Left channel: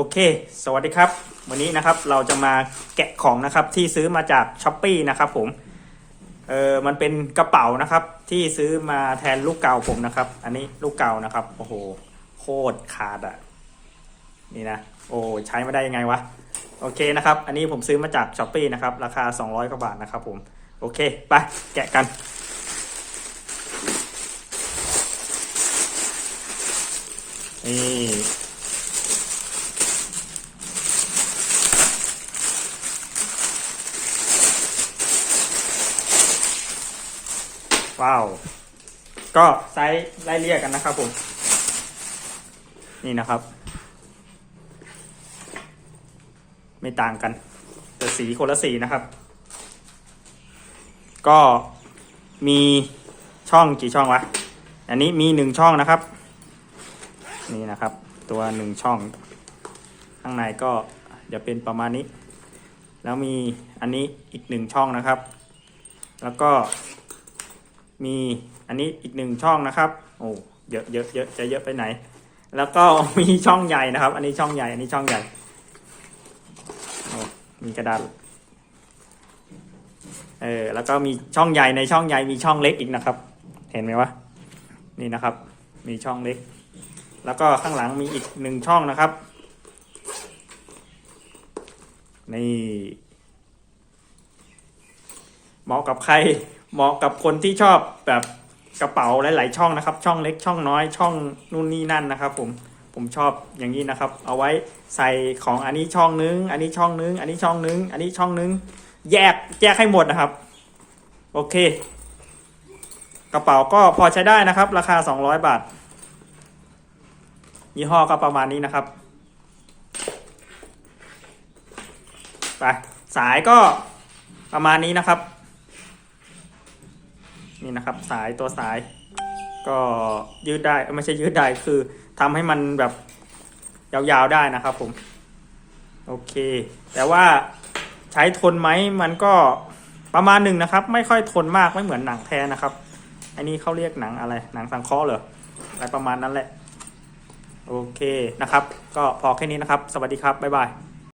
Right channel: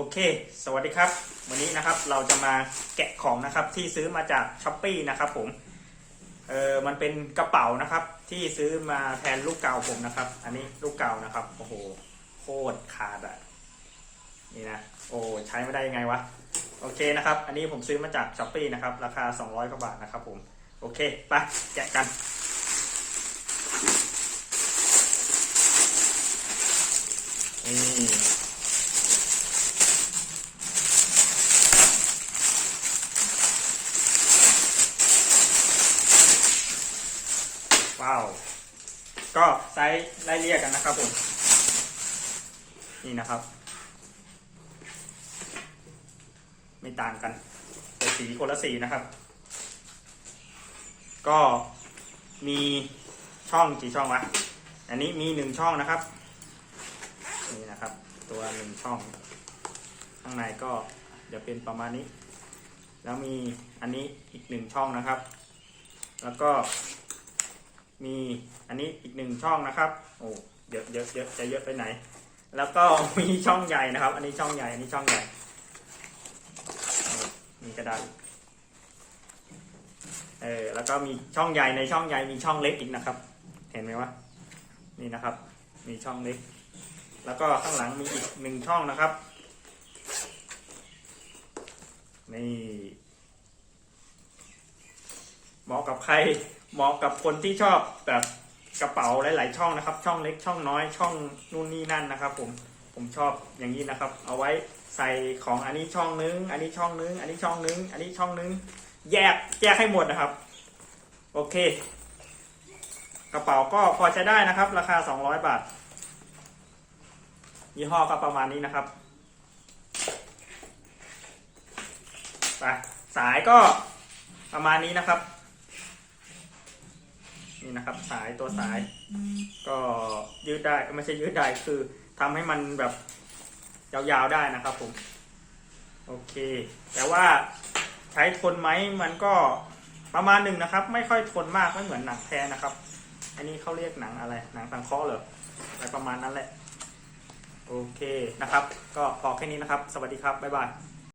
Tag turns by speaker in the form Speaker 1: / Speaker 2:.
Speaker 1: โอเค สวัสดีครับ วันนี้นะครับเราจะมาแกะของนะครับที่ซื้อมาจากช้อปปีนะครับผม เออมันเป็นกระเป๋านะครับ ที่ซื้อมาแทนลูกเก่าผมนะครับ อันนี้ลูกเก่านะครับ โอ้โห โคตรขาดอะ นี่นะ โอ้ใช้ไม่ได้ยังไงวะ โอเคนะครับ อันนี้ผมซื้อมาจากช้อปปีนะครับ ราคา 200กว่าบาทนะครับผม โอเค ไป แกะกันนี่ ว้าว ก็ไซส์ไล่เรียกกันนะครับผม นี่นะครับ ไม่ต่างกันแต่สีคนละสีนะครับ ก็มีช่องกี่ช่องวะ อันนี้มีหนึ่งช่องนะครับ นี่นะครับ ตัวหนึ่งช่อง ข้างในก็จะเป็นประมาณนี้ แล้วมีอันนี้อีกหนึ่งช่องนะครับ แล้วก็ มีอันนี้อีกหนึ่งช่องนะครับ โอ้เยอะเยอะเยอะจะเยอะไปไหน แล้วก็มีช่องใหญ่นะครับ อันนี้ช่องใหญ่ อันนี้ช่องใหญ่ มีกระดาษ เออ แล้วก็มีช่องใหญ่ในช่องใหญ่มีช่องเล็กอีกนะครับ เห็นไหมวะ นี่นะครับ มีช่องเล็ก แล้วก็ข้างหลังมีอีกหนึ่งช่องนะครับ นี่เหมาะกับใคร เหมาะกับคนที่ชอบแบบกระเป๋าหลาย ๆ ช่องนะครับ ช่องเล็กช่องน้อยช่องนู่นนี่นั่นนะครับ ผมผมชอบอย่างนี้นะครับ เอาไว้ใส่ของอันนี้ช่องนึง อันนี้ช่องนึง อันนี้ช่องนึง อันนี้ช่องนึง แยกแยกให้หมดนะครับ โอเค กระเป๋าก็พอใช้ได้นะครับ ราคา 200 บาทยี่ห้อก็ประมาณนี้นะครับไปสายก็ประมาณนี้นะครับ นี่นะครับสายตัวสาย ก็ยืดได้ไม่ใช่ยืดได้คือทำให้มันแบบยาวๆได้นะครับผม โอเค แต่ว่าใช้ทนไหมมันก็ประมาณหนึ่งนะครับ ไม่ค่อยทนมากไม่เหมือนหนังแท้นะครับ อันนี้เขาเรียกหนังอะไร หนังสังเคราะห์เหรออะไรประมาณนั้นแหละ โอเคนะครับ ก็พอแค่นี้นะครับ สวัสดีครับ บ๊ายบาย